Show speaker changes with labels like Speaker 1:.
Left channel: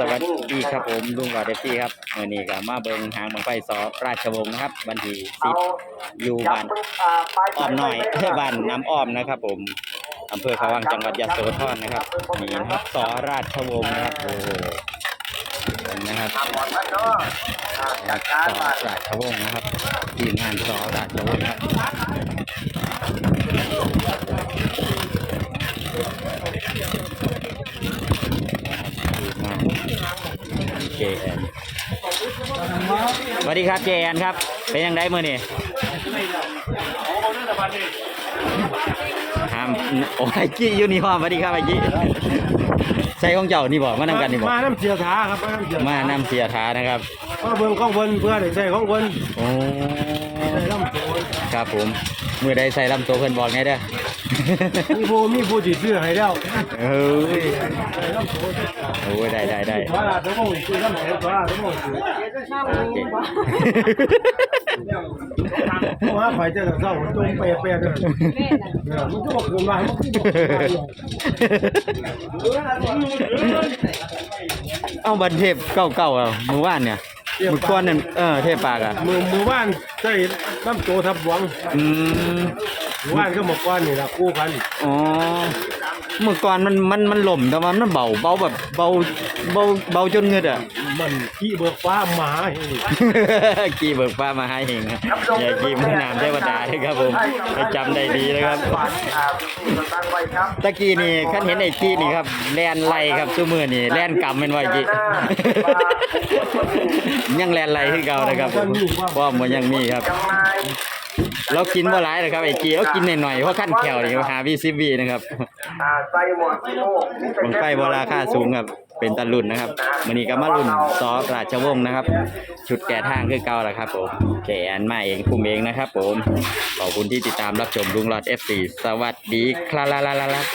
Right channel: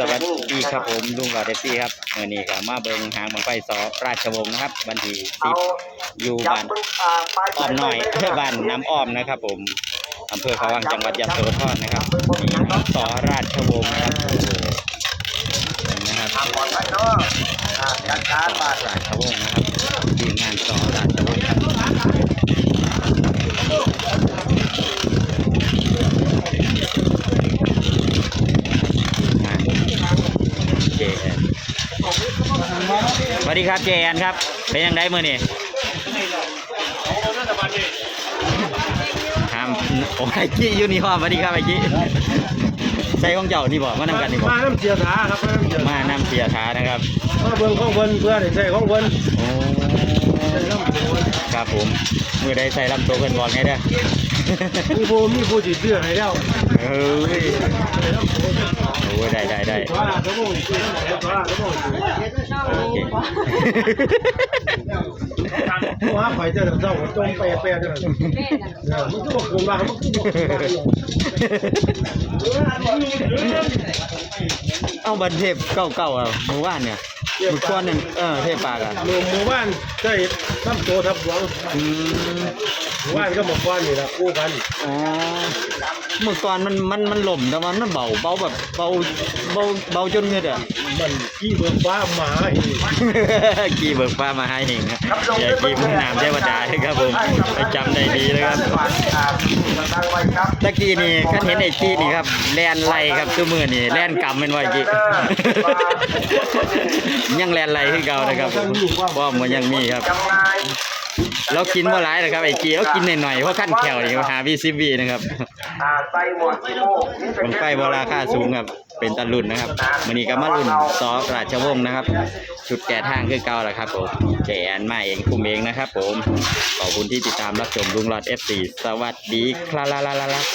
Speaker 1: สวัสดีครับผมลุงหลอเอฟซีครับเมื่อนี้ก็มาเบิงหางบังไฟสอราชวงศ์นะครับวันทีสิบอยู่บ้านอ้อมน้อยบ้านน้ำอ้อมนะครับ ผมอำเภอเขาวังจังหวัดยะโสธรนะครับนี่นะครับสอราชวงศ์นะครับโอ้โหนะครับ
Speaker 2: ร
Speaker 1: สอ
Speaker 2: มา
Speaker 1: ราชวงศ์นะครับทีมงานสอราชวงศ์ครับงาน JN สวัสดีครับ JN ครับ เป็นยังไงมือนี่ทำโอ้ยกี้ยูนิฟอร์มสวัสดีครับไอ้กี้ ใส่ของเจ้านี่บอกมานำกันนี่บอก
Speaker 3: มาน้ำเสียถาครับมาน้ำเสีย
Speaker 1: มานำเสียท้านะครับ
Speaker 3: มาเบิ่งของเพิ่นเพื่อได้ใช้ของเพิ่น
Speaker 1: โอ้
Speaker 3: ใช้ลำโพง
Speaker 1: ครับผมมือใดใส่ลำตัวเพิ่นบอกไงเด้อ
Speaker 3: มีผู้มีผู้สิซื้อให้แล้ว
Speaker 1: เฮ้ยโอ้ยได้ได้ได้
Speaker 3: ว่าตัวบ่ซื้อแล้วบ่ว่าตัวบ่ซื้อ
Speaker 1: เก่ ง
Speaker 3: ว่าไปเจอเจ้าจมเปเปเด้อเออมันก็บ่คืนมามันก็บ่คืนมา
Speaker 1: เอาบันเทปเก่าๆอะมือว่านเนี่ยมือก้อนนั่นเออเทปปากอะ
Speaker 3: หมู่หมู่บ้านใช้น้ำโตทับหวัง
Speaker 1: อืม
Speaker 3: หมู่บ้านก็หมู่บ้านนี่ล่ะคู่กัน
Speaker 1: อ๋อ เมื่อก่อนมันมันมันหล่มแต่ว่ามันเบาเบาแบบเบาเบาเบาจนเงือดอะ
Speaker 3: มันขี้เบิกฟ้าหมาให้
Speaker 1: กีเบิกฟ้ามาให้เองครับอย่ากีมือนามเทวดาเลยครับผมไปจำได้ดีนะครับ
Speaker 2: อ่าตั้งไว้ครับ
Speaker 1: ตะกี้นี่คันเห็นไอ้กี้นี่ครับแลนไล่ครับซุมือนี่แลนกำเป็นไว้กี้ยังแลนไล่คือเก่านะครับว่ามันยังมีครับ
Speaker 2: จำหน่าย
Speaker 1: เรากินบ่หลายนะครับไอ้กี้เรากินหน่อยๆเพราะขั้นแขวนี่หาวีซิบีนะครับ
Speaker 2: ใส่หมดสีโม่นี่เป็น
Speaker 1: บังไฟโบราค่าสูงครับ เป็นตะลุ่นนะครับมื้อนี้ก็มารุ่นซอราชวงศ์นะครับ ชุดแก่ทางคือเก่าแหละครับผมแจอันมาเองคุมเองนะครับ ผมขอบคุณที่ติดตามรับชมลุงหลอด F4 สวัสดีครับ